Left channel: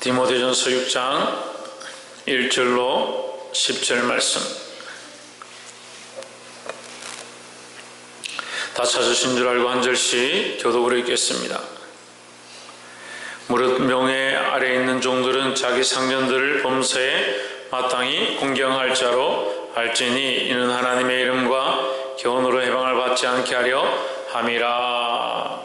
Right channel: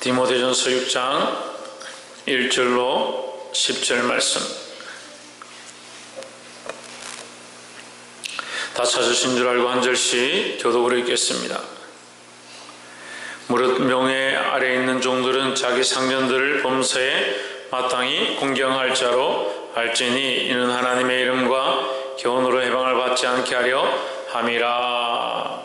디모데전서 6장 1절로 10절 말씀. 다 찾으신 줄 알고 한 절씩 교독으로 읽겠습니다. 무릇 명예 아래에 있는 종들은 자기 상전들을 범사에 마땅히 공경할 자로 알지니 이는 하나님의 이름과 교훈으로 해방을 받지 않게 하려 함이라.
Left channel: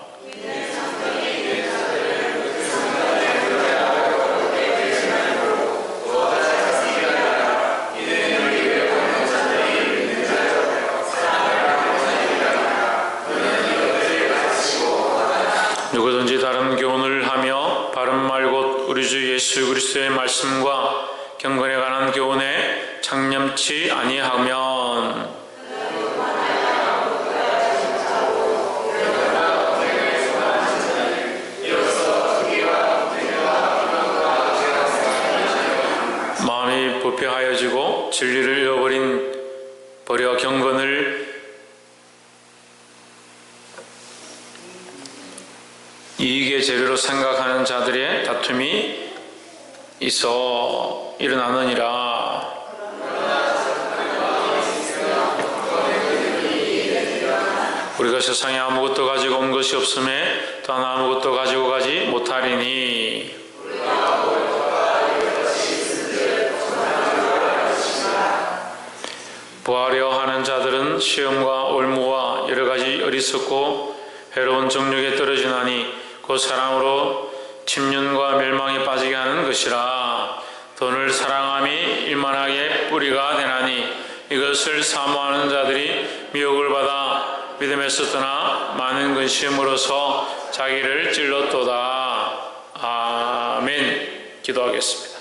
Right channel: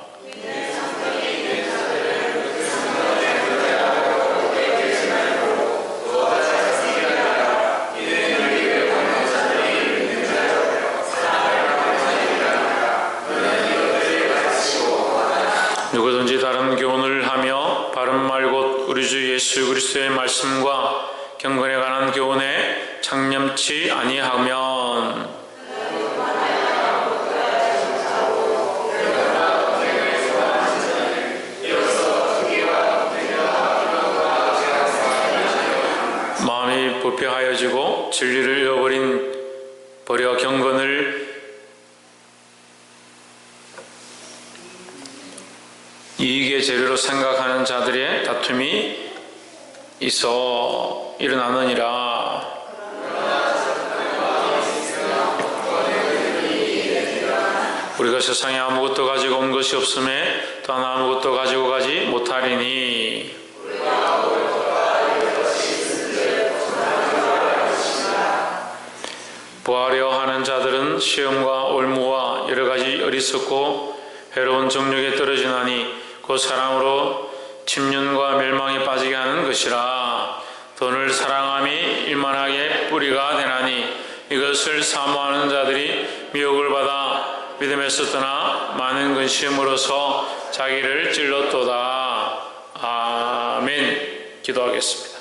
누구든지 다른 교훈을 하며 바른 말 곧 우리 주 예수 그리스도의 말씀과 경건에 관한 교훈에 창념치 아니하면 마음이 부패하여지고 진리를 잃어버려 경건을 이익의 재료로 생각하는 자들의 다툼이 있어 일어나느니라. 우리가 세상에 아무것도 가지고 온 것이 없음에 또한 아무것도 가지고 가지 못하리니 부하려 하는 자들은 시험과 올무와 여러 가지 어리석고 해로운 정욕에 떨어지나니 그 사람으로 침륜과 멸망에 빠지게 하는 것이라. 돈을 사랑함이 일만하게 뿌리가 되나니 이것을 사모하는 자들이 미혹을 받아 믿음에서 떠나 많은 근심으로서 자기를 찔렀도다. 아멘. 기도하겠습니다.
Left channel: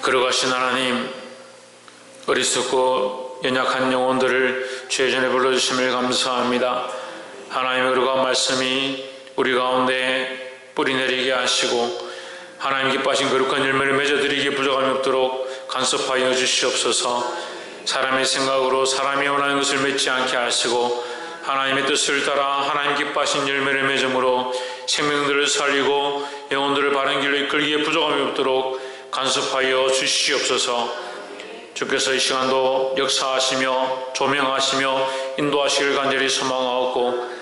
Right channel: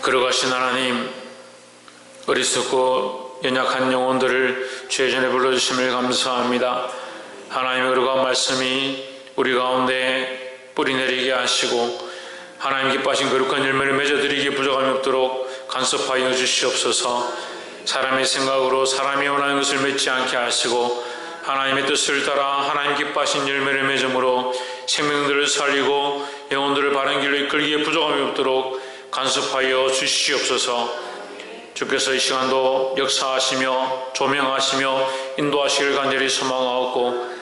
거룩하신 하나님, 어리석고 연약한 영혼들을 주의 전에 불러주심을 감사합니다. 하나님의 거룩한 말씀이 우리 가운데 뿌리내리게 하시고 하나님 기뻐하신 거룩한 열매를 맺어드리기에 부족함이 없도록 간섭하여 주시옵소서. 사람의 생각으로 사람이 원하는 것을 맺지 않게 하시고 하나님의 뜻을 따라 하나님 기뻐하신 열매를 맺음으로 생명들을 살리고 영혼들을 바른 길로 이끌기에 부족함이 없도록 간섭하여 주시옵소서. 주께서 이 시간도 역사하시며 조명하시며 인도하시길 간절히 소망하옵고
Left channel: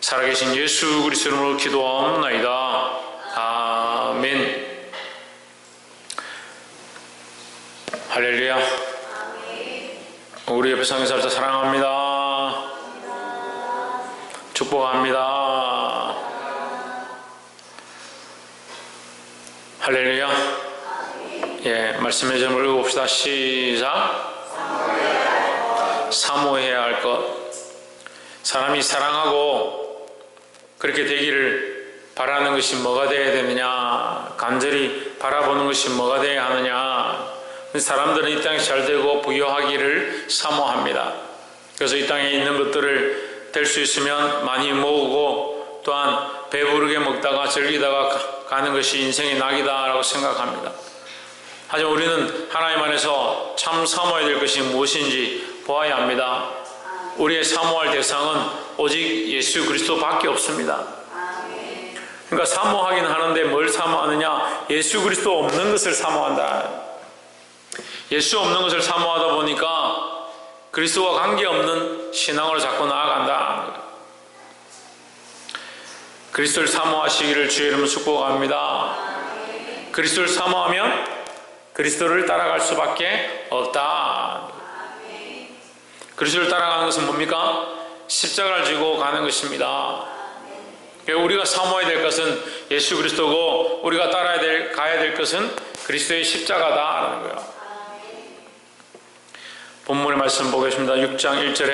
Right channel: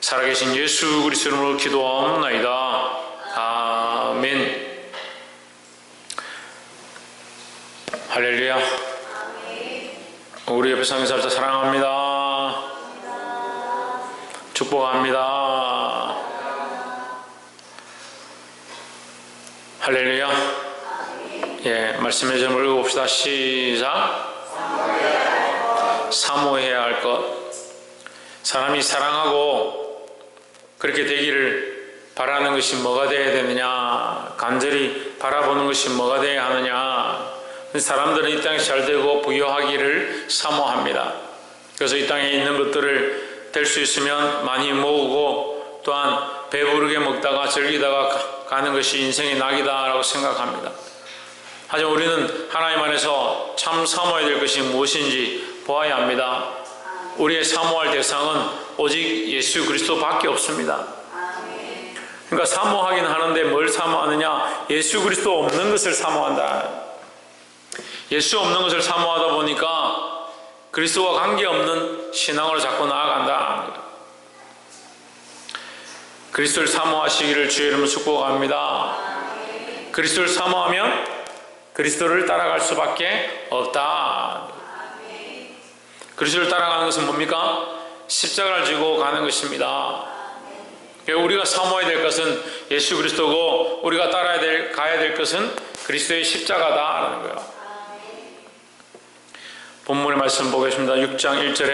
살아계신 예수 그리스도 이름으로 기도하옵나이다. 아멘. 할렐루야. 우리 옆에 상인사자 사랑합니다. 축복합니다. 할렐루야. 예, 말씀의 제목을 읽어봅시다. 시작. 사모해야 할 것. 사람이 사랑하고 그렇게 되기를 바라는 것이 뭐가 되어야 되느냐, 간절히 바라보는 것이 뭐가 되어야 하느냐. 사람들은 이 땅에 잘 되고 부유하기를 사모합니다. 그래서 이 땅에 있는 것들을 될 수 있으면 많이 모으고 또한 배부르게 먹다가 즐기다가 가는 것이 인생의 낙이다라고 생각합니다. 하지만 우리는 하나님 안에서 참 사모해야 될 것이 무엇인지 보아야 합니다. 우리의 사모할 대상은 오직 예수 그리스도밖에 없습니다. 그러니까 사모하긴 하는데 뭘 사모하느냐? 예수 그리스도 없는 것을 사모한다. 예수 없는 것을 사모하다 보니까 그리스도와 관계없는 신앙으로 자꾸 나아간다. 그리스도를 사모하시기를 주의 이름으로 축복합니다. 그리스도를 사모하면 그리스도를 따라갈 수밖에 없다. 그리스도를 따라가는 것은 뭡니까? 십자가를 지고 가는 것입니다. 우리가 사모해야 될 것은 예수 그리스도고 우리가 가야 될 것은 그리스도의 십자가다라는 거예요. 본문의 말씀 보겠습니다. 6장 1절에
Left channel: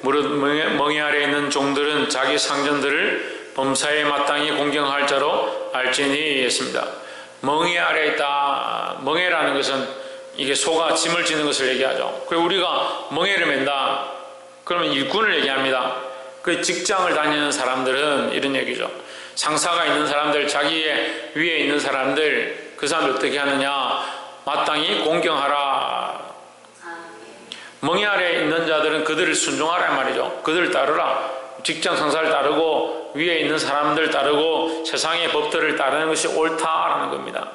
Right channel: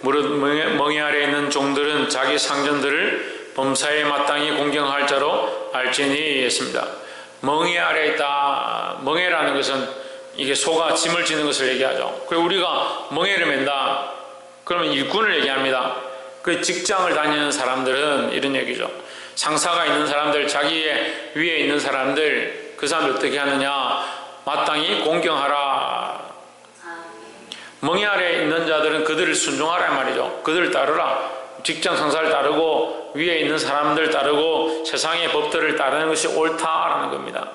무릇 멍에 아래에 있는 종들은 자기 상전들을 범사에 마땅히 공경할 자로 알지니 했습니다. 멍에 아래에 있다. 멍에라는 것은 이게 소가 짐을 지는 것을 얘기하죠. 그리고 우리가 멍에를 맨다. 그러면 일꾼을 얘기합니다. 그 직장을 다니는 사람들은 이런 얘기죠. 상사가 있는 사람들, 자기의 위에 있는 사람들, 그 사람들 어떻게 하느냐? 마땅히 공경하라. 멍에 아래에 있는 자들은 그들을 순종하라 말이죠. 그들을 따르라. 직장 상사를 따르고 위에 있는 사람들 따르고 세상의 법들을 따르는 것이 옳다라는 겁니다.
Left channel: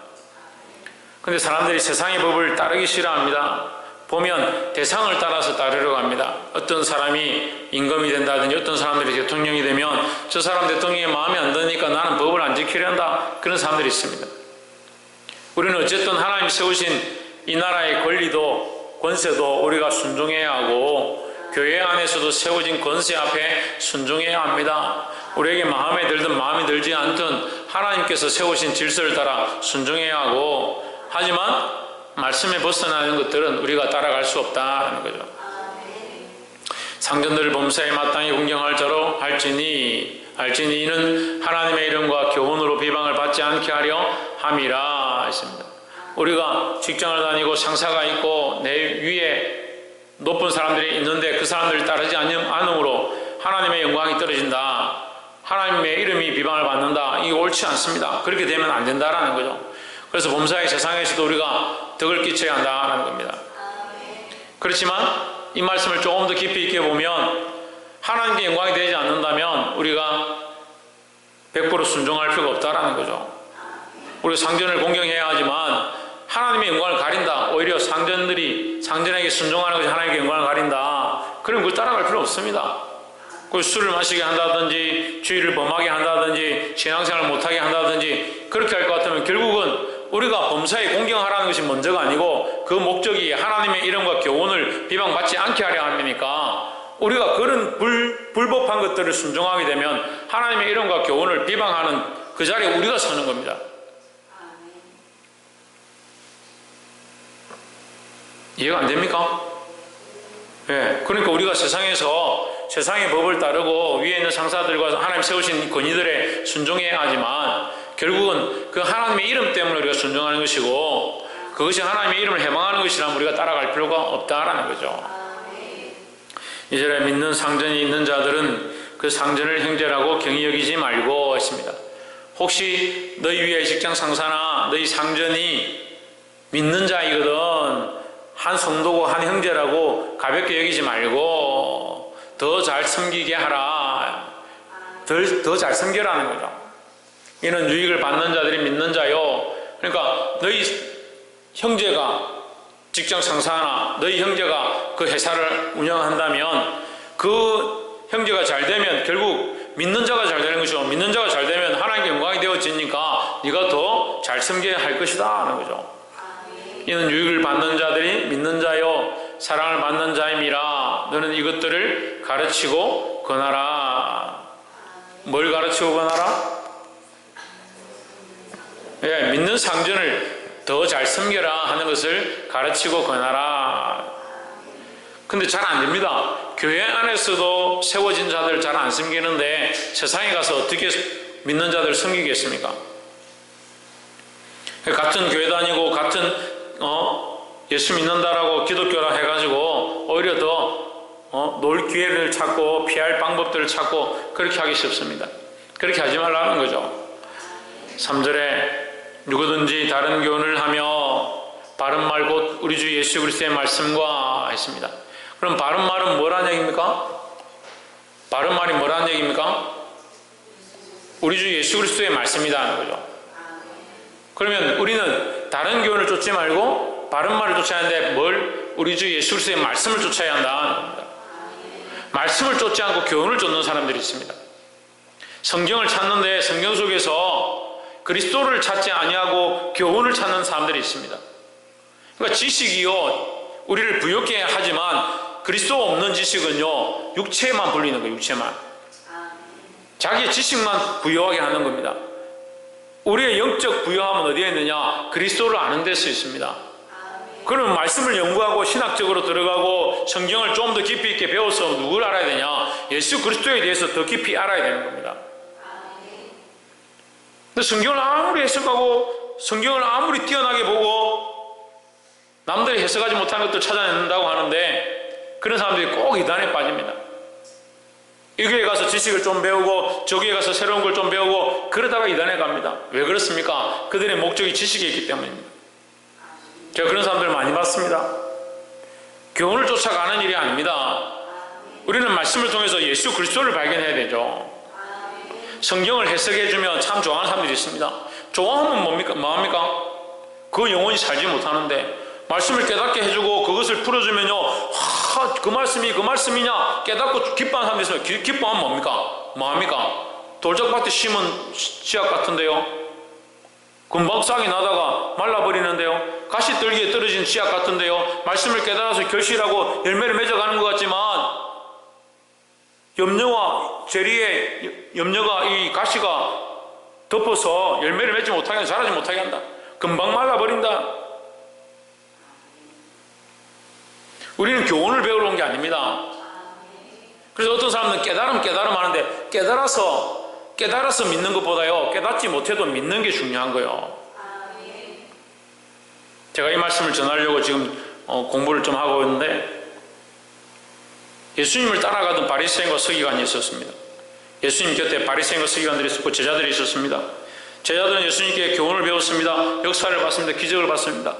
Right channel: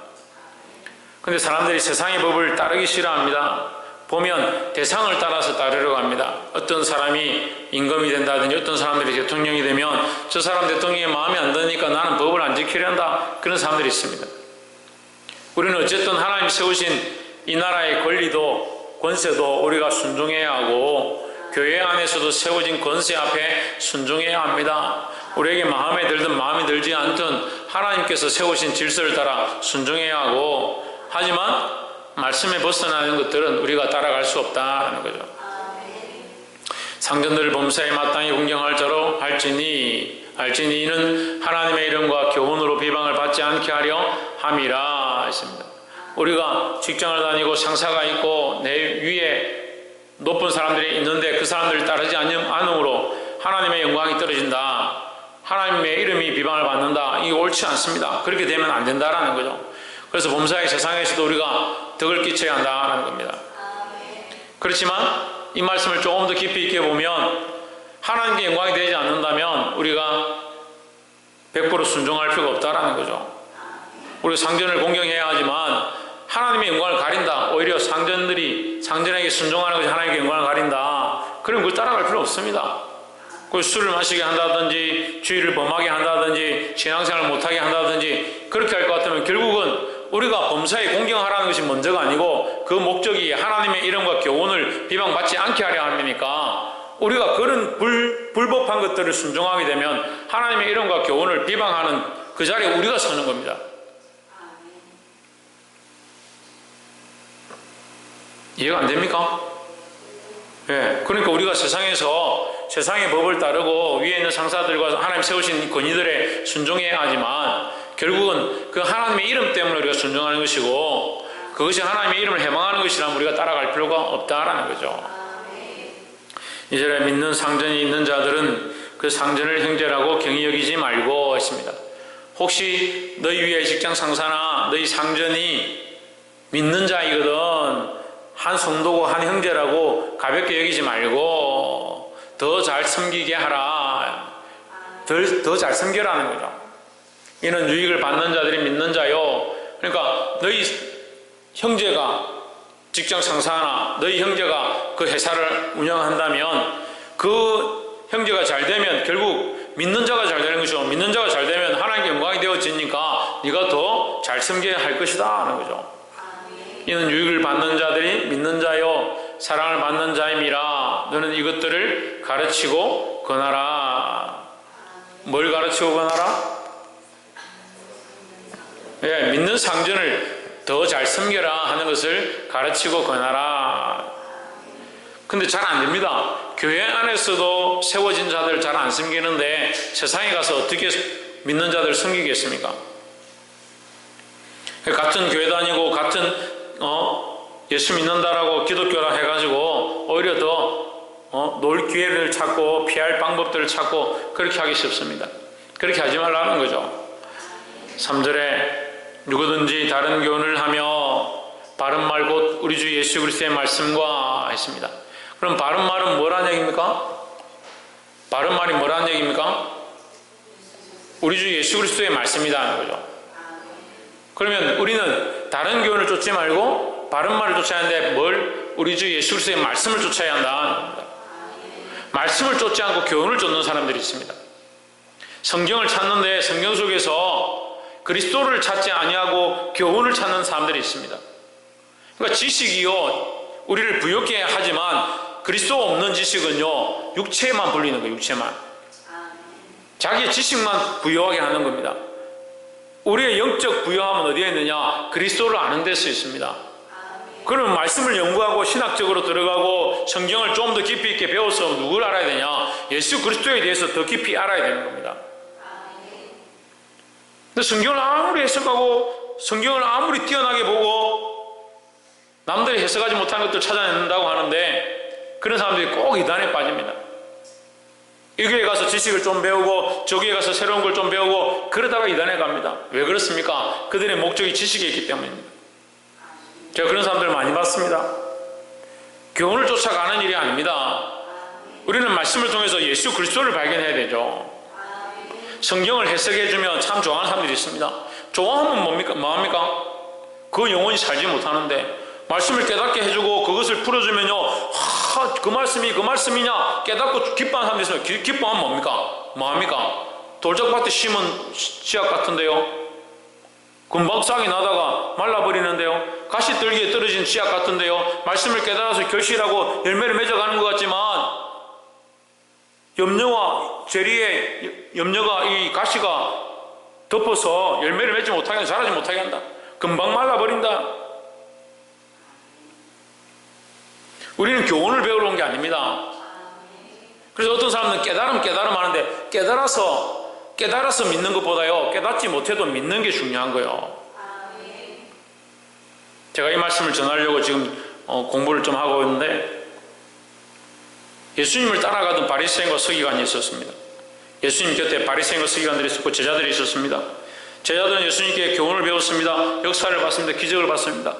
근데 사람들이 세상의 법을 따르기 싫어합니다. 보면 대상을 따라서 따르려고 합니다. 어떤 사람이 임금이 된다든지 어떤 사람들이 대통령이 되면 저 사람 대통령이 마음에 안 드니까 나는 법을 안 지키려 한다. 그런 사람들이 있습니다. 우리는 어쨌든 하나님 세우신 이 나라의 권리도 권세도 우리가 순종해야 하고 교회 안에서도 세워진 권세 앞에 순종해야 합니다. 우리에게 마음에 들든 마음에 들지 않든 하나님께서 세우신 질서를 따라 순종해야 하고, 하지만 말씀에 벗어나는 것들은 우리가 따라갈 수 없다는 거죠. 상전들을 범사에 마땅히 공경할 자로 알지니 이는 하나님의 이름과 교훈으로 비방을 받지 않게 하려 함이라 했습니다. 우리가 직장을 다니고 상사가 있고 내 위에 높은 사람들이 있는데 그 사람들을 따르지 않음으로 하나님의 영광이 떨어진다, 하나님의 이름이 비방을 받는다, 이게 옳지 않습니다. 그렇게 되면 안 된다라는 거죠. 그래서 범사의 세상에서도 우리가 덕을 끼쳐야 한다라는 겁니다. 그렇지만 이 말씀을 조금 더 깊이 있게 보면 하나님께 영광이 되지 않는다면 우리가 100% 순종할 필요가 없다라는 거죠. 우리가 상전을 공경해야 하지만 하나님의 영광을 가린다, 오히려 상전에게 순종하는 것이 하나님의 영광을 가린다, 그럼 그걸 따라갈 필요 없습니다. 술을 마시게 한다든지 주의를 범하게 한다든지 신앙생활을 못하게 한다든지 그렇게 할 것 같으면 결국은 우리가 범사에 공경하라는 것이 먼저가 아니고 그 목적이 하나님의 이름과 교훈을 비방받지 않게 하려 함이니까, 우리가 그런 불법한 것들을 순종하게 되면 하나님의 이름과 교훈을 비방하는 그 자리에 우리가 서는 겁니다. 이해가 안 됩니까? 예, 그러니까 우리가 세상의 법을 따르고 위에 있는 상사들과 하나님 세우신 권위들에 순종해야 하지만 결국은 그 하나님의 이름 때문에 우리가 순종하는 것이고, 그것이 하나님의 이름을 해방하는 것이라면 우리가 따라갈 필요가 없다라는 거죠. 이절에 믿는 상전이 있는 자들은 그 상전을 형제라고 경히 여기지 말고 했습니다. 혹시 너희 위에 직장 상사나 너희 상전이 믿는 자이거든 한 성도고 한 형제라고 가볍게 여기지 말고 더 잘 섬기게 하라, 더 잘 섬겨라는 거죠. 이는 유익을 받는 자들이 믿는 자요. 그러니까 너희 형제가 직장 상사나 너희 형제가 그 회사를 운영한다면 그 형제가 잘 되면 결국 믿는 자가 잘 되는 것이고, 믿는 자가 잘 되면 하나님께 영광이 되어지니까 네가 더 잘 섬겨야 할 것이다 하는 거죠. 이는 유익을 받는 자들이 믿는 자요 사랑을 받는 자임이라. 너는 이것들을 가르치고 권하라. 뭘 가르치고 권하라? 예, 믿는 상전을 더 잘 섬겨라 하는 것을 가르치고 권하라. 근데 잘 안 됩니다. 교회 안에서도 세워진 자들 잘 안 섬기는데 세상에 가서 어떻게 믿는 자들 섬기겠습니까? 같은 교회 다니고 같은 예수 믿는다라고 기독교라 해가지고 오히려 더 놀 기회를 찾고 피할 방법들을 찾고 그렇게 하기 쉽습니다. 그렇게 하지 말라는 거죠. 3절에 누구든지 다른 교훈을 하며 바른 말 곧 우리 주 예수 그리스도의 말씀과 했습니다. 그럼 바른 말은 뭐라는 얘기입니까? 바른 말이 뭐라는 얘기입니까? 우리 주 예수 그리스도의 말씀이다 하는 거죠. 그러면 우리는 다른 교훈을 쫓지 말고 바른 말을 쫓아야 하는데 뭘? 우리 주 예수 그리스도의 말씀을 쫓아야 한다는 겁니다. 말씀을 쫓지 않고 교훈을 쫓는 사람들이 있습니다. 성경을 찾는데 성경 속에서 그리스도를 찾지 아니하고 교훈을 찾는 사람들이 있습니다. 그러니까 지식이요 우리를 부욕해 하지만 그리스도 없는 지식은요 육체만 불리는 거예요. 육체만. 자기의 지식만 부여하게 하는 겁니다. 우리의 영적 부여함은 어디에 있느냐? 그리스도를 아는 데서 있습니다. 그러면 말씀을 연구하고 신학적으로 들어가고 성경을 좀 더 깊이 있게 배워서 누굴 알아야 되냐? 예수 그리스도에 대해서 더 깊이 알아야 되는 겁니다. 근데 성경을 아무리 해석하고 성경을 아무리 뛰어나게 보고 남들이 해석하지 못한 것들 찾아낸다고 하는데 그런 사람들이 꼭 이단에 빠집니다. 이 교회에 가서 지식을 좀 배우고 저 교회에 가서 새로운 걸 좀 배우고 그러다가 이단에 갑니다. 왜 그렇습니까? 그들의 목적이 지식에 있기 때문입니다. 제가 그런 사람들을 많이 봤습니다. 교훈을 쫓아가는 일이 아닙니다. 우리는 말씀을 통해서 예수 그리스도를 발견해야 되죠. 성경을 해석해주면 참 좋아하는 사람들이 있습니다. 좋아하면 뭐합니까? 그 영혼이 살지 못하는데 말씀을 깨닫게 해주고 그것을 풀어주면요, 그 말씀이 그 말씀이냐 깨닫고 기뻐하는 사람들이 있으면 기뻐하면 뭐합니까? 돌짝밭에 심은 씨앗 같은데요, 금방 싹이 나다가 말라버리는데요, 가시떨기에 떨어진 씨앗 같은데요, 말씀을 깨달아서 결실하고 열매를 맺어가는 것 같지만 염려와 재리에 염려가 이 가시가 덮어서 열매를 맺지 못하게 한다, 자라지 못하게 한다, 금방 말라버린다. 우리는 교훈을 배우러 온 게 아닙니다. 그래서 어떤 사람은 깨달음 하는데 깨달아서 믿는 것보다요, 깨닫지 못해도 믿는 게 중요한 거예요. 제가 이 말씀을 전하려고 지금 공부를 좀 하고 있는데, 예수님을 따라가던 바리새인과 서기관이 있었습니다. 예수님 곁에 바리새인과 서기관들이 있었고 제자들이 있었습니다. 제자들은 예수님께 교훈을 배웠습니다. 역사를 봤습니다. 기적을 봤습니다.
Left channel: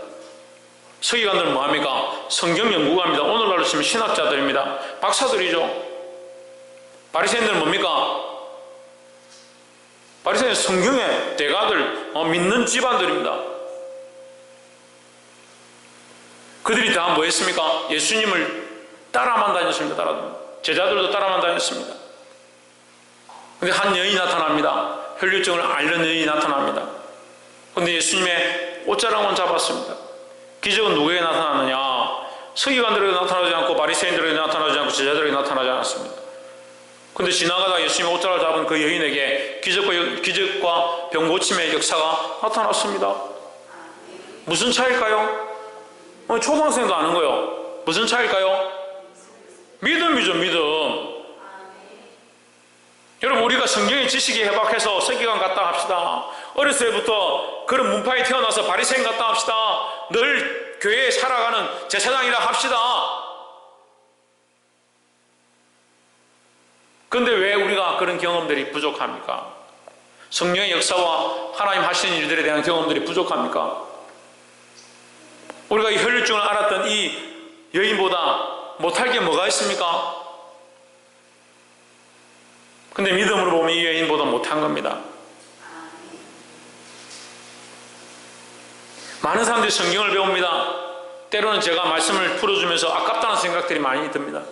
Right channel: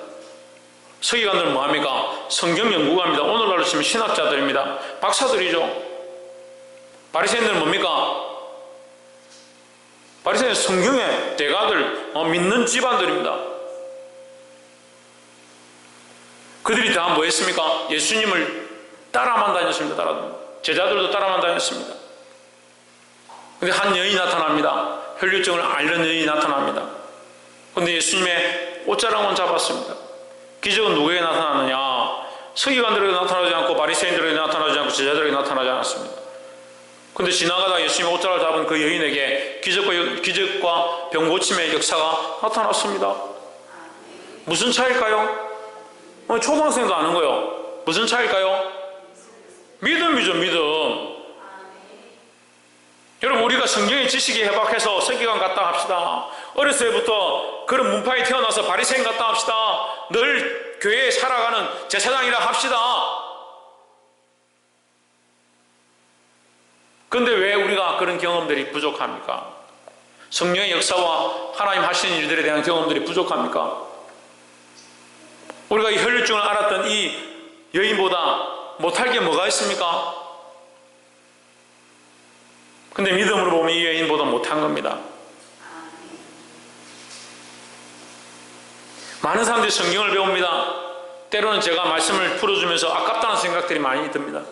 서기관들은 뭐합니까? 성경 연구가입니다. 오늘날로 치면 신학자들입니다. 박사들이죠. 바리새인들은 뭡니까? 바리새인은 성경의 대가들, 믿는 집안들입니다. 그들이 다 뭐 했습니까? 예수님을 따라만 다녔습니다. 제자들도 따라만 다녔습니다. 근데 한 여인이 나타납니다. 혈류증을 앓는 여인이 나타납니다. 근데 예수님의 옷자락만 잡았습니다. 기적은 누구에게 나타났느냐? 서기관들에게 나타나지 않고 바리새인들에게 나타나지 않고 제자들에게 나타나지 않았습니다. 근데 지나가다 예수님의 옷자락을 잡은 그 여인에게 기적과 병 고침의 역사가 나타났습니다. 무슨 차일까요? 초등학생도 아는 거예요. 무슨 차일까요? 믿음이죠, 믿음. 여러분, 우리가 성경의 지식이 해박해서 서기관 같다 합시다. 어렸을 때부터 그런 문파에 태어나서 바리새인 같다 합시다. 늘 교회에 살아가는 제사장이라 합시다. 그런데 왜 우리가 그런 경험들이 부족합니까? 성령의 역사와 하나님 하시는 일들에 대한 경험들이 부족합니까? 우리가 이 혈류증을 앓았던 이 여인보다 못할 게 뭐가 있습니까? 근데 믿음으로 보면 이 여인보다 못한 겁니다. 많은 사람들이 성경을 배웁니다. 때로는 제가 말씀을 풀어주면서 아깝다는 생각들이 많이 듭니다.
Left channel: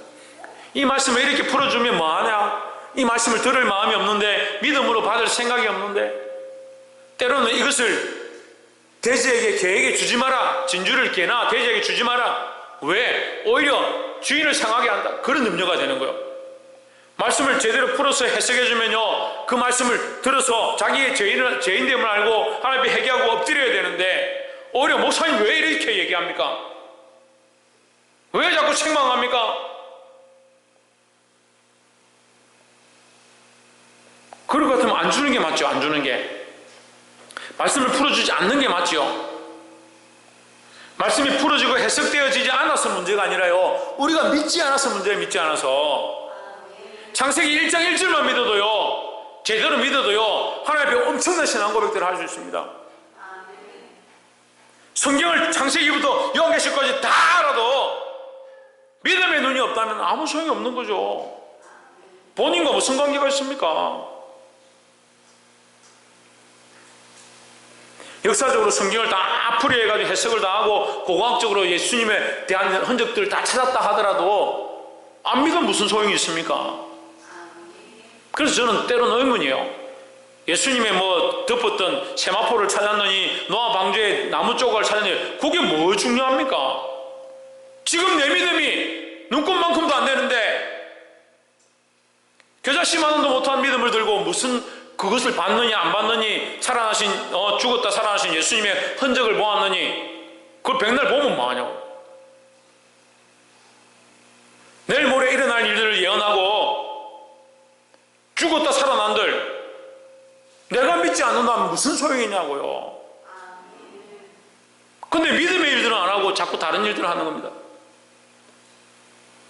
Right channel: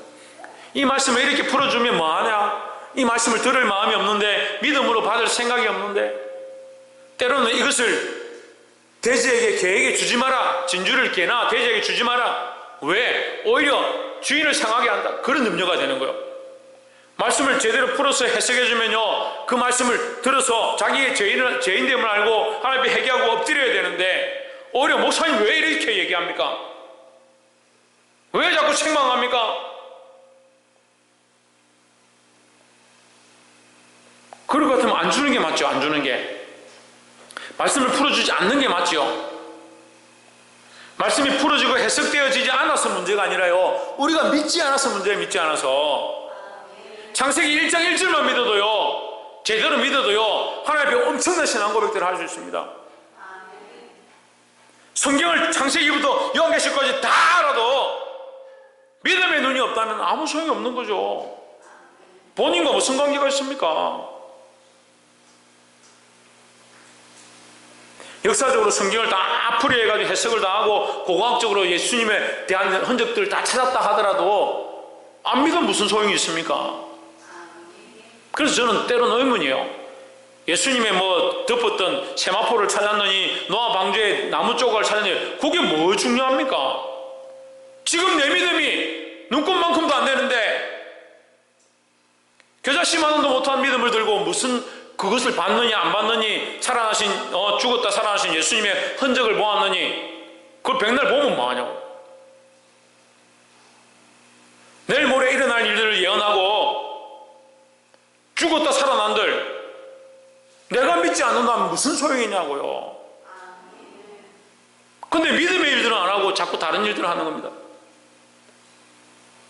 이 말씀을 이렇게 풀어주면 뭐하냐? 이 말씀을 들을 마음이 없는데, 믿음으로 받을 생각이 없는데, 때로는 이것을 돼지에게 개에게 주지 마라, 진주를 개나 돼지에게 주지 마라. 왜? 오히려 주인을 상하게 한다, 그런 염려가 되는 거예요. 말씀을 제대로 풀어서 해석해주면요, 그 말씀을 들어서 자기의 죄인됨을 알고 하나님 앞에 회개하고 엎드려야 되는데, 오히려 목사님 왜 이렇게 얘기합니까? 왜 자꾸 책망합니까? 그럴 것 같으면 안 주는 게 맞죠. 안 주는 게. 말씀을 풀어주지 않는 게 맞죠. 말씀이 풀어지고 해석되어지지 않아서 문제가 아니라요, 우리가 믿지 않아서 문제예요. 믿지 않아서. 창세기 1장 1절만 믿어도요, 제대로 믿어도요, 하나님 앞에 엄청난 신앙 고백들을 할 수 있습니다. 성경을 창세기부터 요한계시까지 다 알아도 믿음의 눈이 없다면 아무 소용이 없는 거죠. 본인과 무슨 관계가 있습니까? 역사적으로 성경을 다 풀이해가지고 해석을 다 하고 고고학적으로 예수님에 대한 흔적들을 다 찾았다 하더라도 안 믿으면 무슨 소용이 있습니까? 그래서 저는 때로는 의문이에요. 예수님의 뭐 덮었던 세마포를 찾았느니 노아 방주에 나무 조각을 찾았느니 그게 뭐 중요합니까? 지금 내 믿음이 눈꽃만큼도 안 되는데 겨자 씨 만원도 못한 믿음을 들고 무슨 그것을 받느니 안 받느니, 살아나신 죽었다 살아나신 예수님의 흔적을 보았느니 그걸 백날 보면 뭐하냐고. 내일 모레 일어날 일들을 예언하고 죽었다 살아난들 내가 믿지 않는다면 무슨 소용이냐고요. 근데 믿음의 일들은 안 하고 자꾸 다른 일들을 하는 겁니다.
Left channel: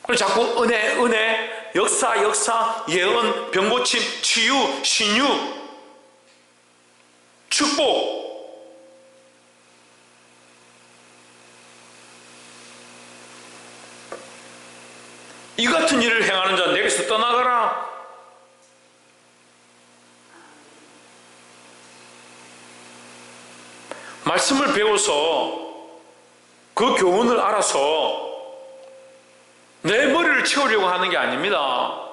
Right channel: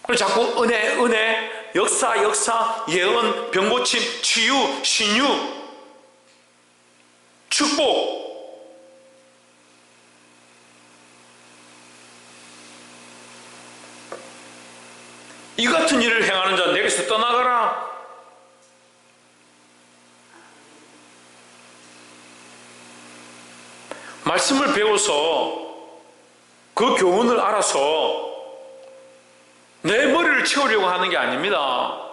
그래서 자꾸 은혜, 역사, 예언, 병고침, 치유, 신유, 축복. 이 같은 일을 행하는 자 내게서 떠나가라. 말씀을 배워서 그 교훈을 알아서 내 머리를 채우려고 하는 게 아닙니다.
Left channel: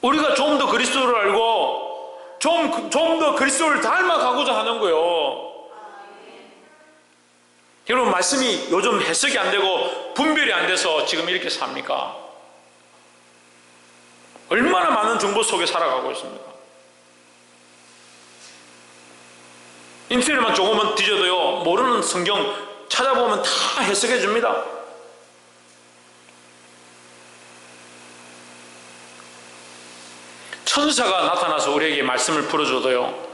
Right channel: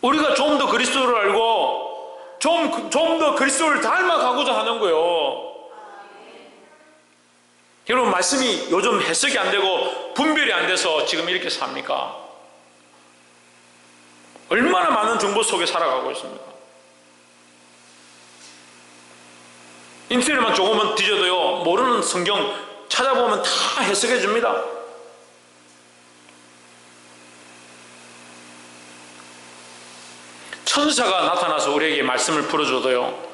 우리가 좀 더 그리스도를 알고 좀 더 그리스도를 닮아가고자 하는 거예요. 여러분, 말씀이 요즘 해석이 안 되고 분별이 안 돼서 지금 이렇게 삽니까? 얼마나 많은 정보 속에 살아가고 있습니까? 인터넷만 조금만 뒤져도요, 모르는 성경 찾아보면 다 해석해 줍니다. 천사가 나타나서 우리에게 말씀을 풀어줘도요,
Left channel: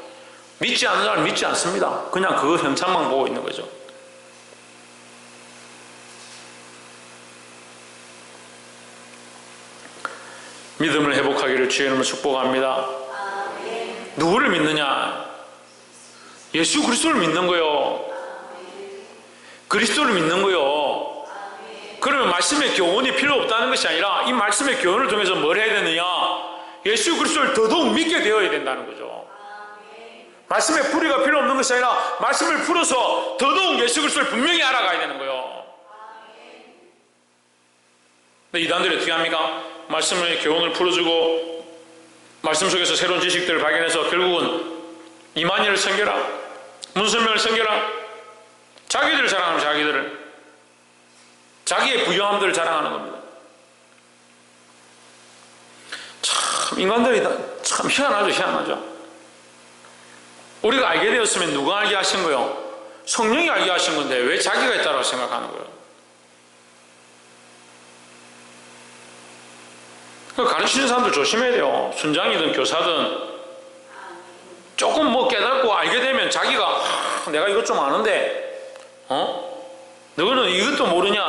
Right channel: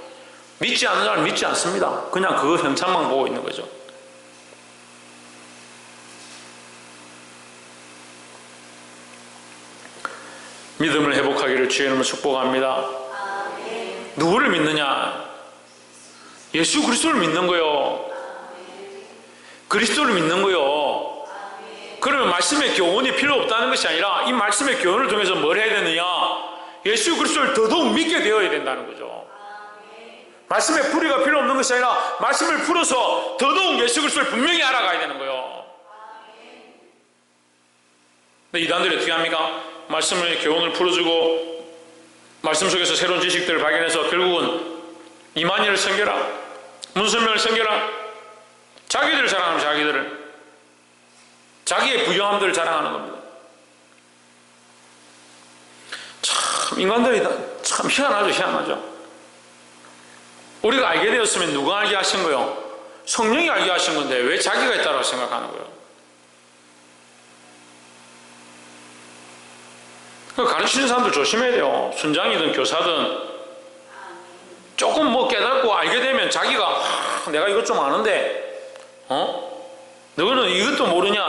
믿지 않는 사람은 믿지 않습니다. 그냥 그 형상만 보고 있는 거죠. 믿음을 회복하기를 주의 이름으로 축복합니다. 누구를 믿느냐? 예수 그리스도를 믿는 거요. 그리스도를 믿는 거요. 그러면 말씀의 교훈이 필요 없다는 것이 아니라 이 말씀의 교훈을 통해서 뭘 해야 되느냐? 예수 그리스도를 더더욱 믿게 되어야 된다는 거죠. 말씀의 풀이가 필요 없는 것이 아니라 말씀을 풀어서 더더욱 예수 그리스도를 분명히 알아가야 되는 거예요. 근데 이단들이 어떻게 합니까? 말씀의 교훈을 풀어주고 말씀 속에서 새로운 지식들을 발견해서 결국은 이만희를 섬겨라, 문선명을 섬겨라, 자기들을 자랑하면 자기들을, 자기의 부유함들을 자랑하는 겁니다. 참 인간들이 참 희한하죠. 희한하죠. 우리가 알게 되었으면 누가 알게 하신 거요? 성령이 알게 하신 건데 왜 자기가 있다고 생각하는 거예요? 가르치는 사람들 조심해야 돼요. 순장이든 교사든 조금 뭐 깨닫고 알게 되면 자기가 내가 이것 좀 아는데 너는 이것도 모르냐?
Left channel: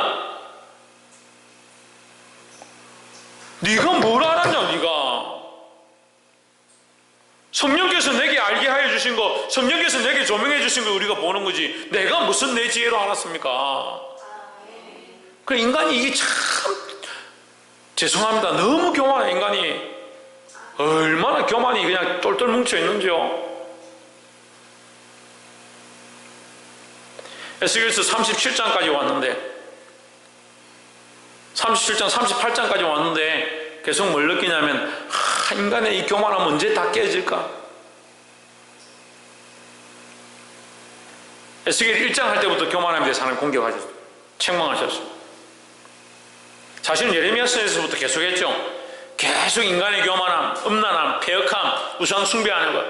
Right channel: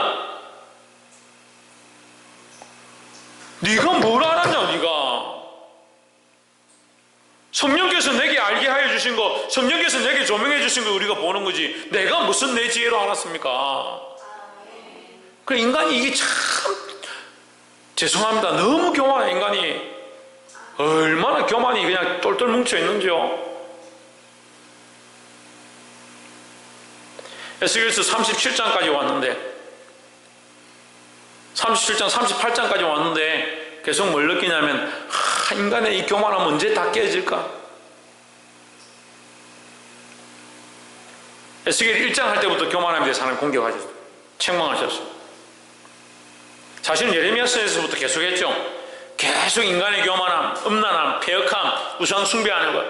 네가 뭘 알았냐? 네가 성령께서 내게 알게 하여 주신 거, 성령께서 내게 조명해 주신 거 우리가 보는 거지 내가 무슨 내 지혜로 알았습니까? 그 인간이 이게 참 죄송합니다. 너무 교만해. 인간이 얼마나 교만이 그냥 똘똘 뭉쳐 있는지요. 에스겔서 37장까지 왔는데 37장 38장까지 왔는데 계속 뭘 느끼냐면 인간의 이 교만함 언제 다 깨질까? 에스겔 1장 할 때부터 교만함에 대해서 하나님 공격하셨어요. 책망하셨어요. 사실은 예레미야서에서부터 계속했죠. 계속 인간의 교만함, 음란함, 패역함, 우상 숭배하는 것,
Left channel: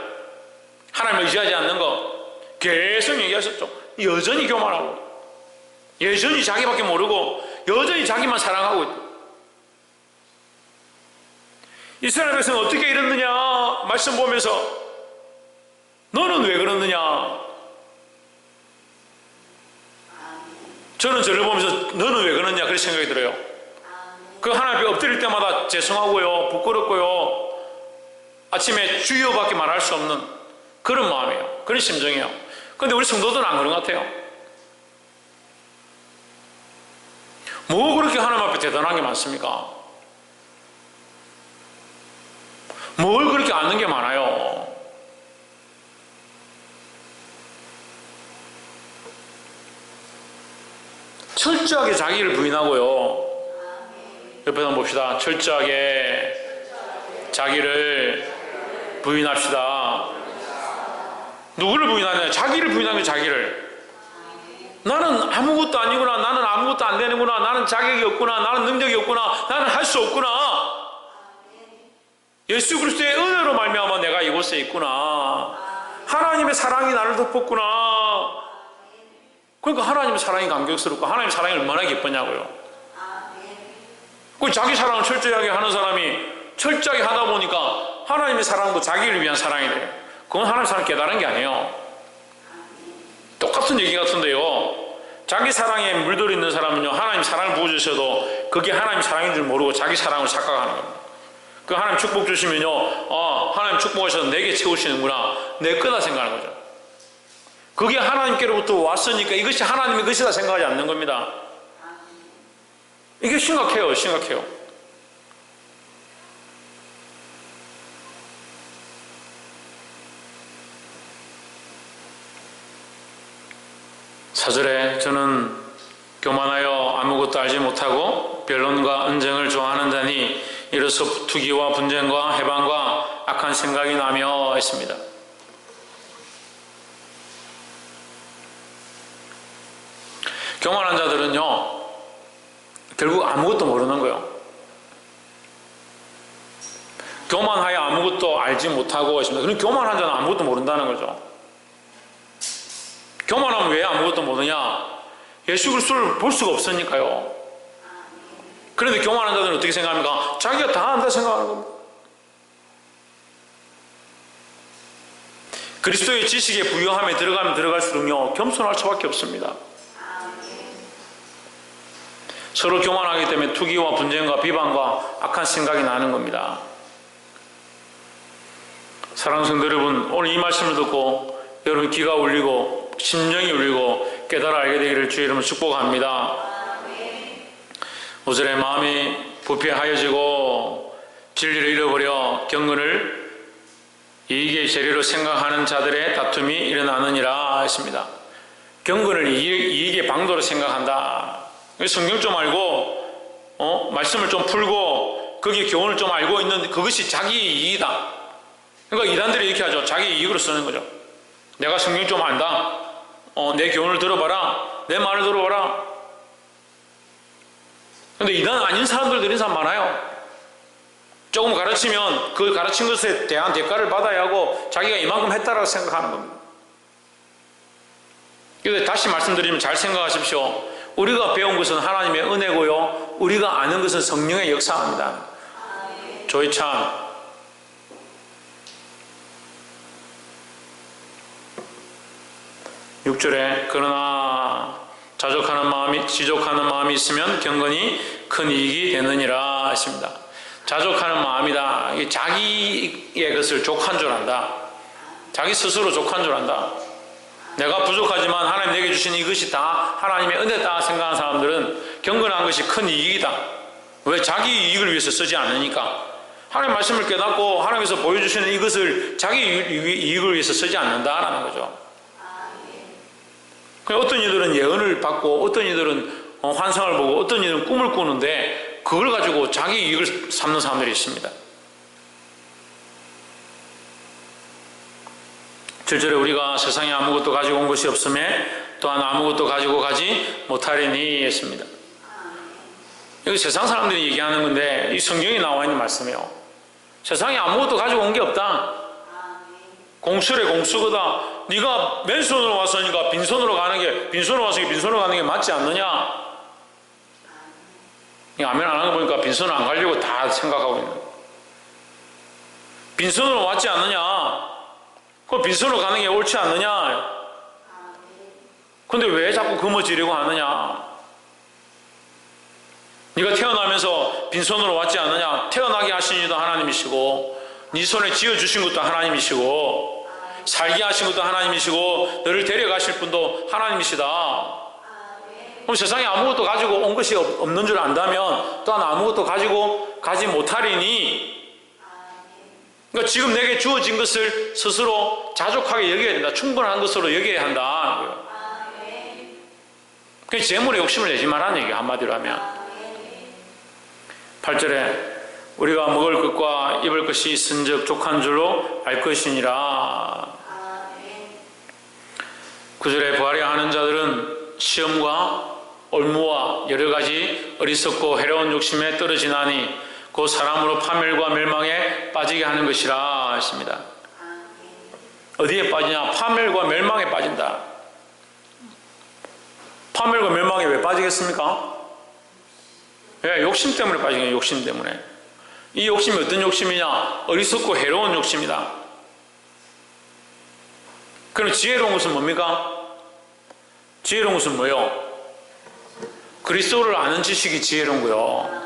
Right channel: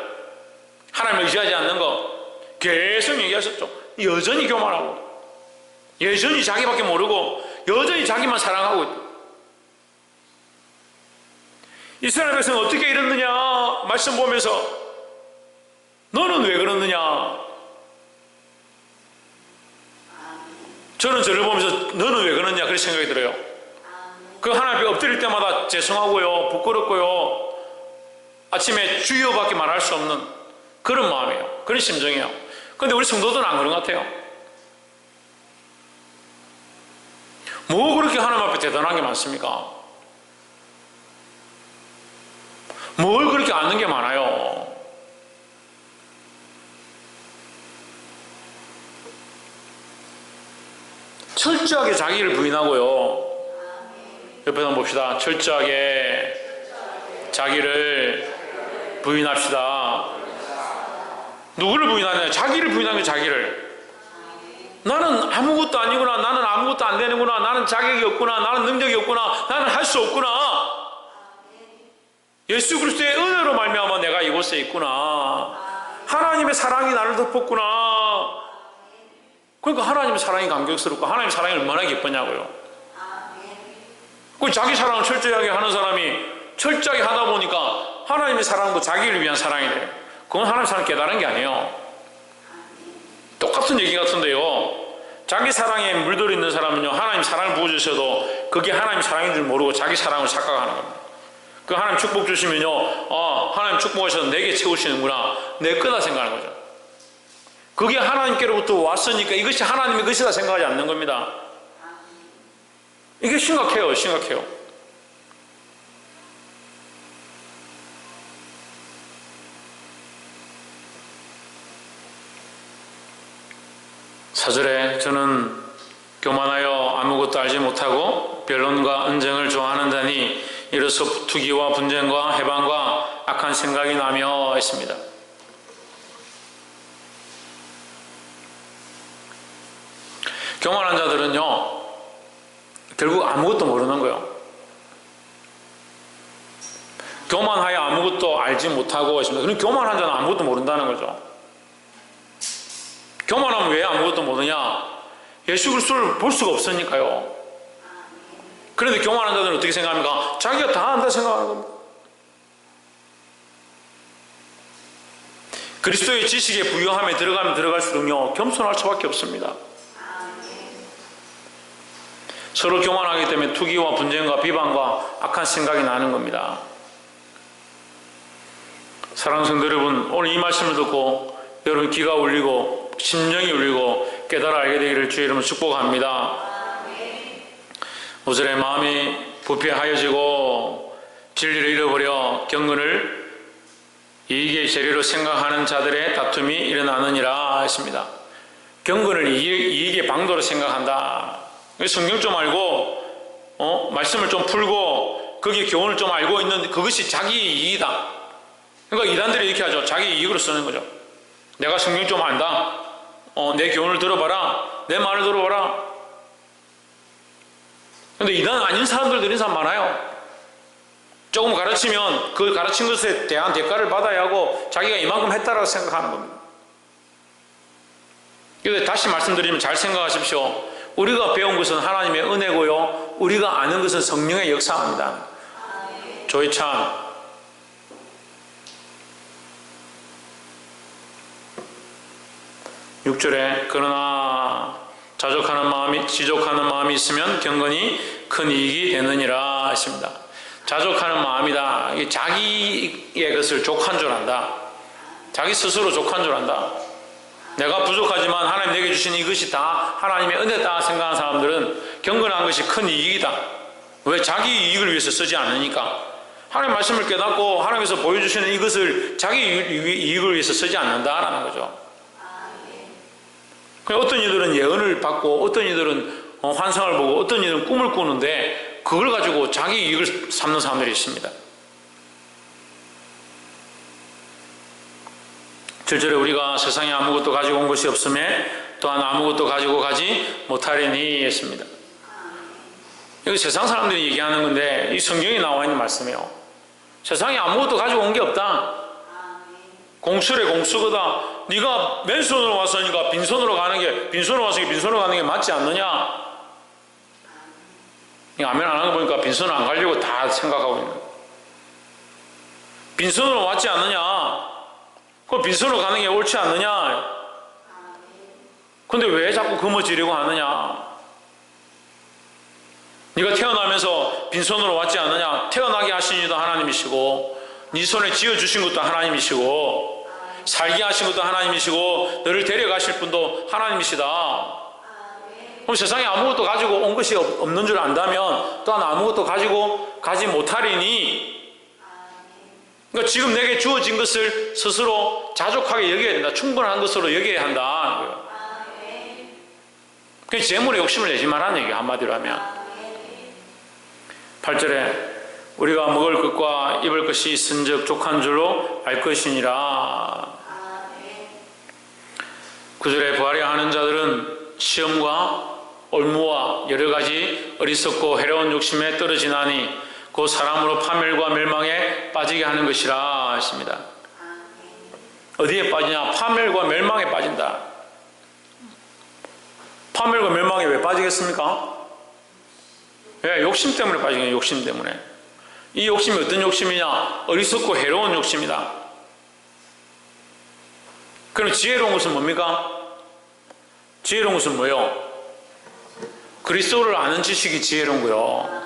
하나님을 의지하지 않는 것 계속 얘기하셨죠. 여전히 교만하고 여전히 자기밖에 모르고 여전히 자기만 사랑하고 있다. 이스라엘 백성은 어떻게 이랬느냐? 말씀 보면서 너는 왜 그러느냐? 저는 저를 보면서 너는 왜 그러느냐 그런 생각이 들어요. 그 하나님 앞에 엎드릴 때마다 죄송하고요, 부끄럽고요, 아침에 주여밖에 말할 수 없는 그런 마음이에요. 그런 심정이에요. 그런데 우리 성도들은 안 그런 것 같아요. 뭐 그렇게 하나님 앞에 대단한 게 많습니까? 뭘 그렇게 아는 게 많아요? 철저하게 자기를 부인하고요. 옆에 한번 봅시다. 철저하게 자기를 부인합시다. 누구를 부인하냐? 자기를 부인하는 자기를. 나는 아무것도 아니구나. 나는 아무것도 안 되는구나. 나는 자격이 없구나. 나는 능력이 없구나. 나는 할 수 없구나. 예수 그리스도의 은혜로 말미암아 내가 이곳에 있구나. 하나님의 사랑이 나를 덮었구나. 그러니까 하나님의 사랑이 감격스럽고 하나님의 사랑이 얼마나 기쁘냐고요. 그 자기 사랑을 철저하게 하는 사람이 철저하게 하다 보니까 하나님의 사랑도 자기를 위한 사랑이 돼요. 그건 하나님의 사랑 깨달은 게 아니에요. 똑같은 얘기 같은데요. 자기 사랑에 물들어 있는 사람은요, 하나님 사랑을 부어주셔도 그게 하나님 사랑인 줄 모르고 자기 사랑을 착각하는 겁니다. 그 하나님 축복 주시면요, 하나님 축복하셔서 내게 채우시는구나, 내 거다 생각하는 거죠. 그게 하나님께로부터 왔으니까 이것이 하나님의 것이다 생각하지 않는 겁니다. 이게 심각해요. 심각해요. 사절에 저는 교만하여 아무것도 알지 못하고 변론과 언쟁을 좋아하는 자니 이로써 투기와 분쟁과 해방과 악한 생각이 나며 했습니다. 교만한 자들은요, 결국 아무것도 모르는 거예요. 교만하여 아무것도 알지 못하고 했습니다. 그럼 교만한 자는 아무것도 모른다는 거죠. 교만하면 왜 아무것도 모르냐? 예수 그리스도를 볼 수가 없으니까요. 그런데 교만한 자들은 어떻게 생각합니까? 자기가 다 안다 생각하는 겁니다. 그리스도의 지식의 부유함에 들어가면 들어갈수록요, 겸손할 수밖에 없습니다. 서로 교만하기 때문에 투기와 분쟁과 비방과 악한 생각이 나는 겁니다. 사랑하는 성도 여러분, 오늘 이 말씀을 듣고 여러분 귀가 울리고 심령이 울리고 깨달아 알게 되기를 주의 이름으로 축복합니다. 5절에 마음이 부패하여지고 진리를 잃어버려 경건을 이익의 재료로 생각하는 자들의 다툼이 일어나느니라 했습니다. 경건을 이익의 방도로 생각한다. 성경 좀 알고 말씀을 좀 풀고 거기에 교훈을 좀 알고 있는 그것이 자기 이익이다. 그러니까 이단들이 이렇게 하죠. 자기 이익으로 쓰는 거죠. 내가 성경 좀 안다. 내 교훈을 들어봐라. 내 말을 들어봐라. 근데 이단 아닌 사람들 들은 사람 많아요. 조금 가르치면 그 가르친 것에 대한 대가를 받아야 하고 자기가 이만큼 했다라고 생각하는 겁니다. 그래서 다시 말씀드리면 잘 생각하십시오. 우리가 배운 것은 하나님의 은혜고요. 우리가 아는 것은 성령의 역사입니다. 조이찬 6절에 그러나 지족하는 마음이 있으면 경건이 큰 이익이 되느니라 했습니다. 자족하는 마음이다. 자기의 것을 족한 줄 안다. 자기 스스로 족한 줄 안다. 내가 부족하지만 하나님 내게 주신 이것이 다 하나님의 은혜다 생각하는 사람들은 경건한 것이 큰 이익이다. 왜? 자기 이익을 위해서 쓰지 않으니까. 하나님 말씀을 깨닫고 하나님께서 보여주시는 이것을 자기 이익을 위해서 쓰지 않는다라는 거죠. 어떤 이들은 예언을 받고 어떤 이들은 환상을 보고 어떤 이들은 꿈을 꾸는데 그걸 가지고 자기 이익을 삼는 사람들이 있습니다. 7절에 우리가 세상에 아무것도 가지고 온 것이 없음에 또한 아무것도 가지고 가지 못하리니 했습니다. 이거 세상 사람들이 얘기하는 건데 이 성경에 나와 있는 말씀이에요. 세상에 아무것도 가지고 온 게 없다. 공수래 공수거다. 네가 맨손으로 왔으니까 빈손으로 가는 게 맞지 않느냐? 아멘 안 하는 거 보니까 빈손을 안 가려고 다 생각하고 있는 거예요. 빈손으로 왔지 않느냐? 그 빈손으로 가는 게 옳지 않느냐? 근데 왜 자꾸 거머쥐려고 하느냐? 네가 태어나면서 빈손으로 왔지 않느냐? 태어나게 하신 이도 하나님이시고 네 손에 쥐어주신 것도 하나님이시고 살게 하신 것도 하나님이시고 너를 데려가실 분도 하나님이시다. 그럼 세상에 아무것도 가지고 온 것이 없는 줄 안다면 또한 아무것도 가지고 가지 못하리니, 그러니까 지금 내게 주어진 것을 스스로 자족하게 여겨야 된다. 충분한 것으로 여겨야 한다. 그 재물에 욕심을 내지 말라는 얘기예요. 한마디로 하면. 8절에 우리가 먹을 것과 입을 것이 있은즉 족한 줄로 알 것이니라. 9절에 부하려 하는 자들은 시험과 올무와 여러 가지 어리석고 해로운 욕심에 떨어지나니 그 사람으로 파멸과 멸망에 빠지게 하는 것이라 했습니다. 어디에 빠지냐? 파멸과 멸망에 빠진다. 파멸과 멸망에 왜 빠지겠습니까? 왜? 욕심 때문에 빠지겠네요. 욕심 때문에. 이 욕심이 어떤 욕심이냐? 어리석고 해로운 욕심이다. 그럼 지혜로운 것은 뭡니까? 지혜로운 것은 뭐예요? 그리스도를 아는 지식이 지혜로운 거예요.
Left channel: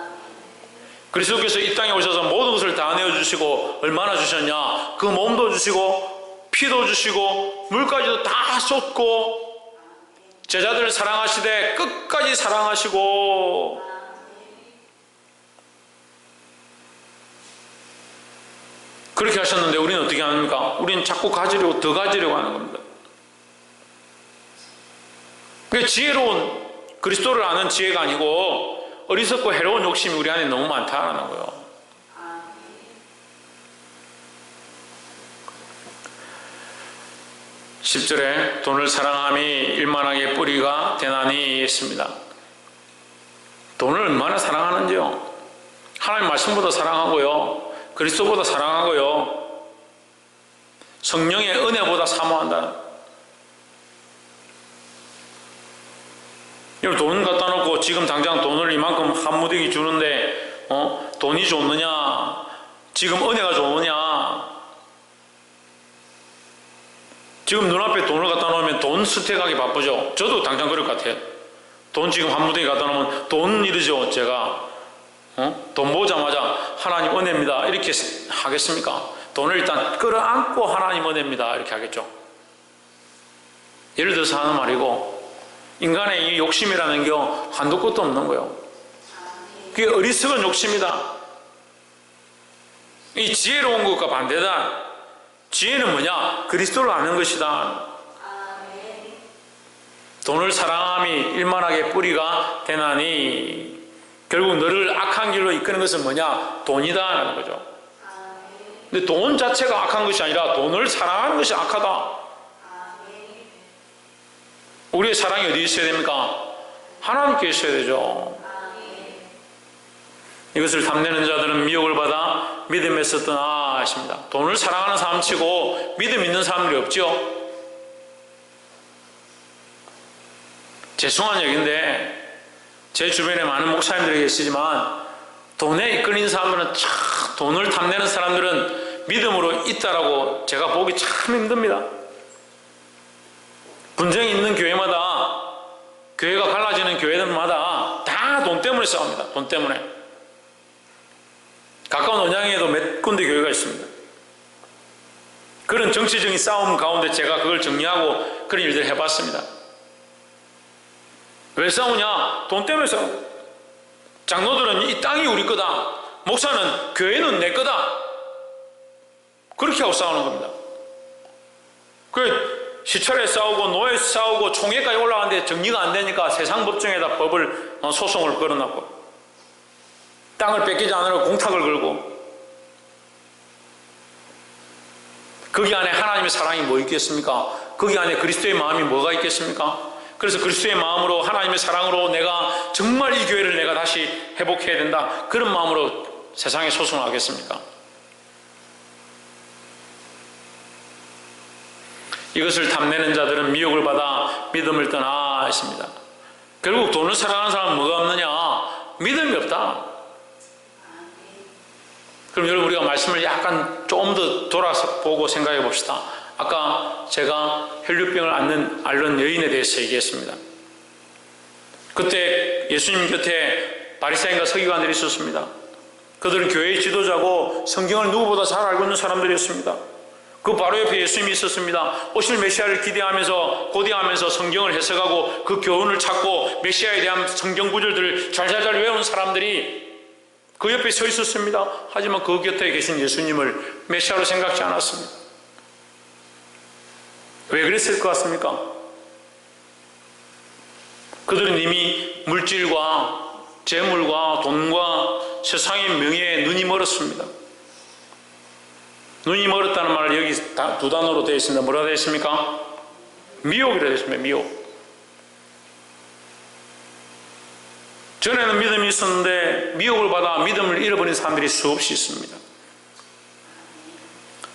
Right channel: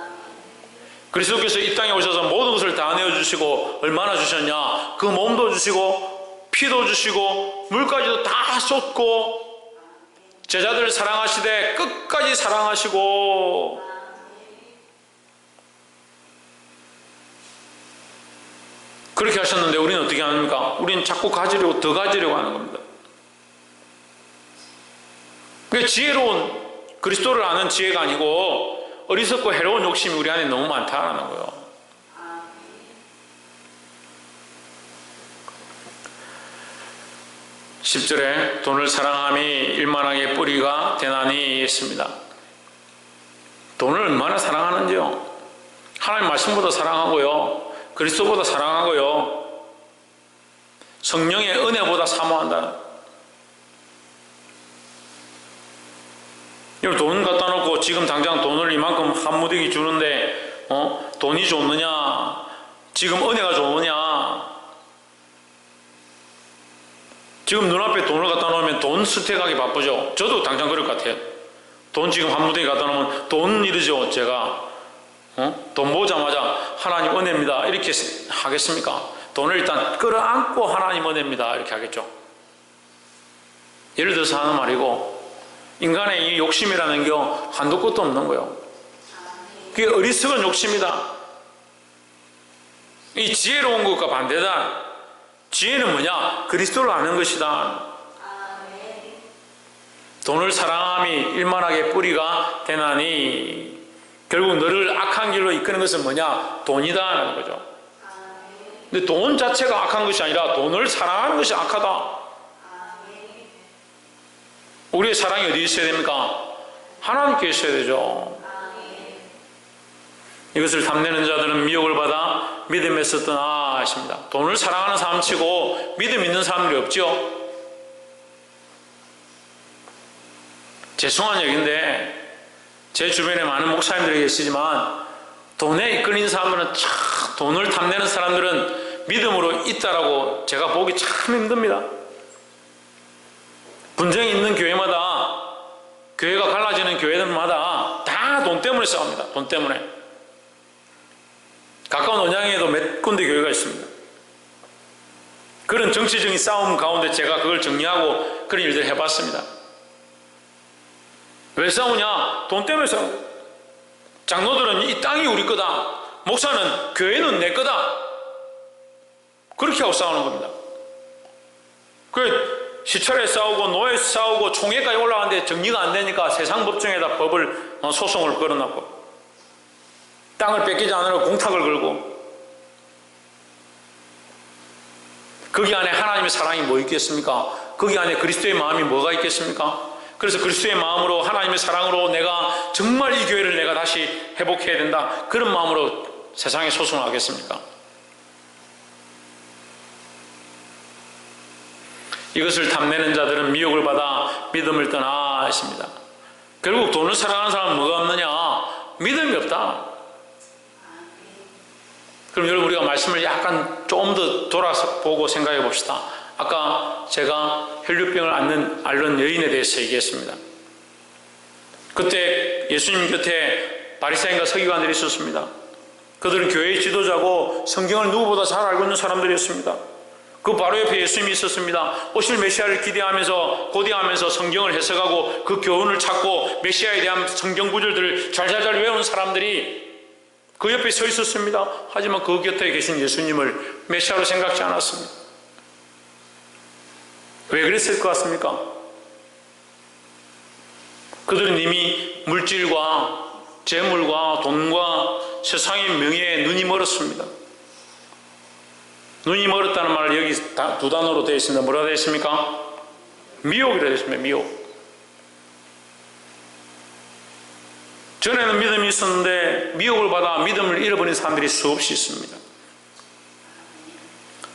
그리스도께서 이 땅에 오셔서 모든 것을 다 내어주시고 얼마나 주셨냐? 그 몸도 주시고 피도 주시고 물까지도 다 쏟고 제자들을 사랑하시되 끝까지 사랑하시고 그렇게 하셨는데 우리는 어떻게 합니까? 우리는 자꾸 가지려고, 더 가지려고 하는 겁니다. 그게 지혜로운 그리스도를 아는 지혜가 아니고 어리석고 해로운 욕심이 우리 안에 너무 많다라는 거예요. 10절에 돈을 사랑함이 일만하게 뿌리가 되나니 했습니다. 돈을 얼마나 사랑하는지요. 하나님 말씀보다 사랑하고요, 그리스도보다 사랑하고요, 성령의 은혜보다 사모한다. 여러분, 돈 갖다 놓고 지금 당장 돈을 이만큼 한 무더기 주는데 돈이 좋느냐, 지금 은혜가 좋으냐. 지금 눈앞에 돈을 갖다 놓으면 돈 스택하기 바쁘죠. 저도 당장 그럴 것 같아요. 돈 지금 한 무더기 갖다 놓으면 돈 이러죠. 제가 돈 보자마자 하나님 은혜입니다 이렇게 하겠습니까? 돈을 일단 끌어안고 하나님 은혜입니다 이렇게 하겠죠. 예를 들어서 하는 말이고, 인간의 이 욕심이라는 게 한도 끝도 없는 거예요. 그게 어리석은 욕심이다. 이 지혜로운 것과 반대다. 지혜는 뭐냐? 그리스도를 아는 것이다. 돈을 사랑함이 일만하게 뿌리가 되나니, 결국 너를 악한 길로 이끄는 것은 뭐냐? 돈이다 하는 거죠. 근데 돈 자체가 악한 것이 아니라 돈을 사랑하는 것이 악하다. 우리의 사랑이 어디 있어야 됩니까? 하나님께 있어야 되죠. 이것을 탐내는 자들은 미혹을 받아 믿음에서 떠나 하십니다. 돈을 사랑하는 사람 치고 믿음 있는 사람들이 없죠. 죄송한 얘기인데 제 주변에 많은 목사님들이 계시지만 돈에 이끌린 사람들은, 참 돈을 탐내는 사람들은 믿음으로 있다라고 제가 보기 참 힘듭니다. 분쟁이 있는 교회마다, 교회가 갈라지는 교회들마다 다 돈 때문에 싸웁니다. 돈 때문에. 가까운 언양에도 몇 군데 교회가 있습니다. 그런 정치적인 싸움 가운데 제가 그걸 정리하고 그런 일들을 해봤습니다. 왜 싸우냐? 돈 때문에 싸워요. 장로들은 이 땅이 우리 거다, 목사는 교회는 내 거다, 그렇게 하고 싸우는 겁니다. 시찰에 싸우고 노예에 싸우고 총회까지 올라가는데 정리가 안 되니까 세상 법정에다 소송을 걸어놨고, 땅을 뺏기지 않으려고 공탁을 걸고, 거기 안에 하나님의 사랑이 뭐 있겠습니까? 거기 안에 그리스도의 마음이 뭐가 있겠습니까? 그래서 그리스도의 마음으로, 하나님의 사랑으로 내가 정말 이 교회를 내가 다시 회복해야 된다, 그런 마음으로 세상에 소송을 하겠습니까? 이것을 탐내는 자들은 미혹을 받아 믿음을 떠나 했습니다. 결국 돈을 사랑하는 사람은 뭐가 없느냐? 믿음이 없다. 그럼 여러분, 우리가 말씀을 약간 좀 더 돌아보고 생각해 봅시다. 아까 제가 혈류병을 앓는 여인에 대해서 얘기했습니다. 그때 예수님 곁에 바리새인과 서기관들이 있었습니다. 그들은 교회의 지도자고 성경을 누구보다 잘 알고 있는 사람들이었습니다. 그 바로 옆에 예수님이 있었습니다. 오실 메시아를 기대하면서, 고대하면서 성경을 해석하고 그 교훈을 찾고 메시아에 대한 성경 구절들을 잘잘잘 외운 사람들이 그 옆에 서 있었습니다. 하지만 그 곁에 계신 예수님을 메시아로 생각지 않았습니다. 왜 그랬을 것 같습니까? 그들은 이미 물질과 재물과 돈과 세상의 명예에 눈이 멀었습니다. 눈이 멀었다는 말을 여기 두 단어로 되어 있습니다. 뭐라 되어 있습니까? 미혹이라 되어 있습니다. 미혹. 전에는 믿음이 있었는데 미혹을 받아 믿음을 잃어버린 사람들이 수없이 있습니다.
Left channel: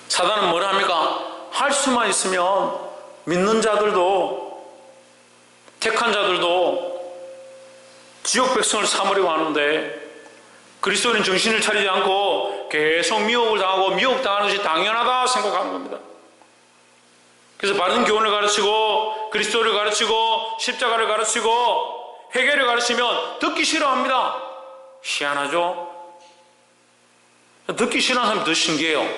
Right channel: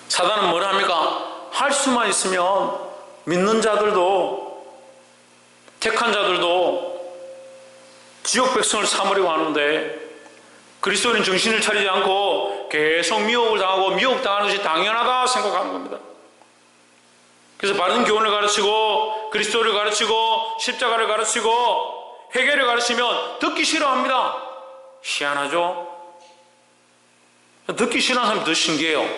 사단은 뭐라 합니까? 할 수만 있으면 믿는 자들도, 택한 자들도 지옥 백성을 삼으려고 하는데, 그리스도인은 정신을 차리지 않고 계속 미혹을 당하고 미혹당하는 것이 당연하다 생각하는 겁니다. 그래서 바른 교훈을 가르치고 그리스도를 가르치고 십자가를 가르치고 회개를 가르치면 듣기 싫어합니다. 희한하죠? 듣기 싫어하는 사람이 더 신기해요.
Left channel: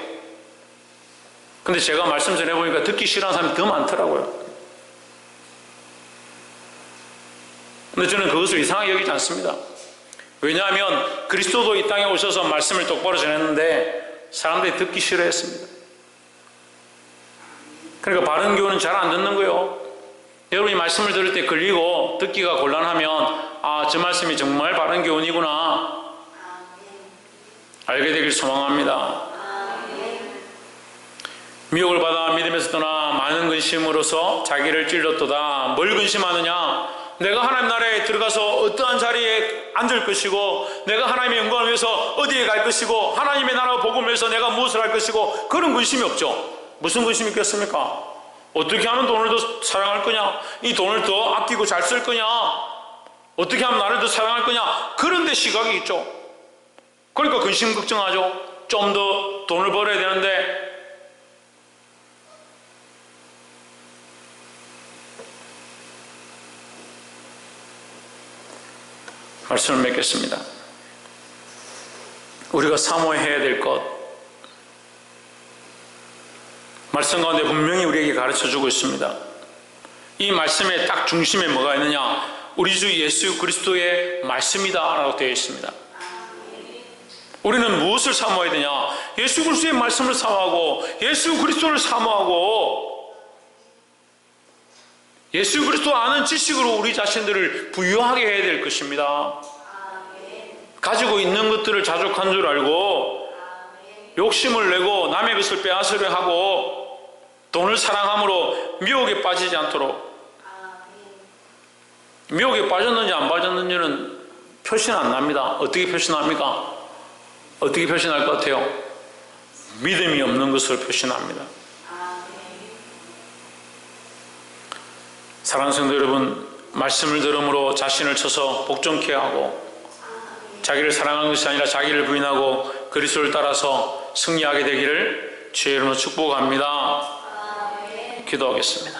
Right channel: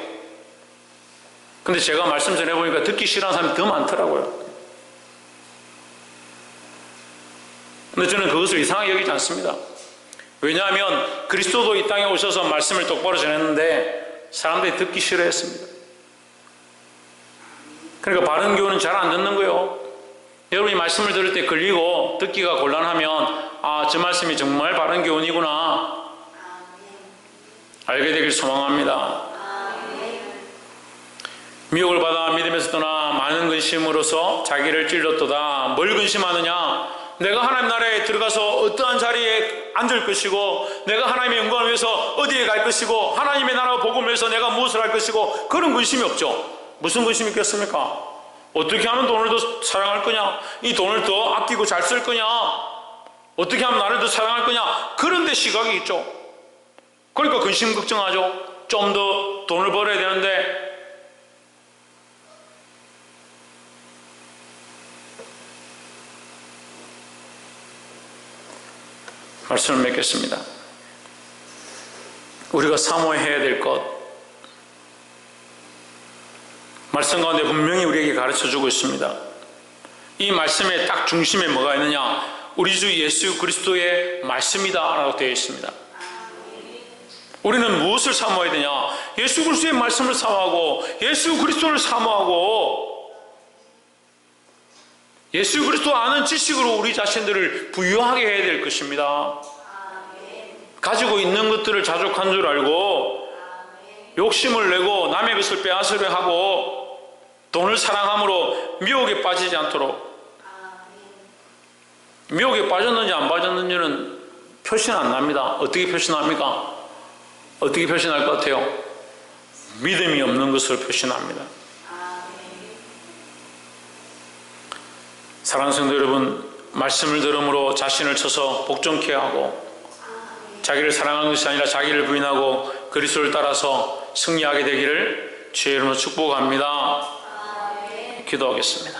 근데 제가 말씀 전해보니까 듣기 싫어하는 사람이 더 많더라고요. 근데 저는 그것을 이상하게 여기지 않습니다. 왜냐하면 그리스도도 이 땅에 오셔서 말씀을 똑바로 전했는데 사람들이 듣기 싫어했습니다. 그러니까 바른 교훈은 잘 안 듣는 거예요. 여러분이 말씀을 들을 때 걸리고 듣기가 곤란하면 저 말씀이 정말 바른 교훈이구나 알게 되길 소망합니다. 미혹을 받아 믿음에서 떠나 많은 근심으로서 자기를 찔렀도다. 뭘 근심하느냐? 내가 하나님 나라에 들어가서 어떠한 자리에 앉을 것이고, 내가 하나님의 영광을 위해서 어디에 갈 것이고, 하나님의 나라 복음을 위해서 내가 무엇을 할 것이고, 그런 근심이 없죠. 무슨 근심이 있겠습니까? 어떻게 하면 돈을 더 사랑할 거냐? 이 돈을 더 아끼고 잘 쓸 거냐? 어떻게 하면 나를 더 사랑할 거냐? 그런 데 시각이 있죠. 그러니까 근심 걱정하죠. 좀 더 돈을 벌어야 되는데 말씀을 맺겠습니다. 우리가 사모해야 될 것, 말씀 가운데 분명히 우리에게 가르쳐주고 있습니다. 이 말씀의 딱 중심에 뭐가 있느냐? 우리 주 예수 그리스도의 말씀이다 라고 되어 있습니다. 우리는 무엇을 사모해야 되냐? 예수 그리스도의 말씀을 사모하고, 예수 그리스도를 사모하고, 예수 그리스도 아는 지식으로 우리 자신들을 부유하게 해야 될 것입니다. 가지고 있는 것들을 자족한 줄 알고 욕심을 내고 남의 것을 빼앗으려 하고 돈을 사랑함으로 미혹에 빠지지 않도록. 미혹에 빠졌는지 안 빠졌는지는 표시는 안 납니다. 어떻게 표시납니까? 어떻게 표시날 것 같아요? 믿음이 없는 것으로 표시납니다. 사랑하는 성도 여러분, 말씀을 들음으로 자신을 쳐서 복종케 하고 자기를 사랑하는 것이 아니라 자기를 부인하고 그리스도를 따라서 승리하게 되기를 주의 이름으로 축복합니다. 기도하겠습니다.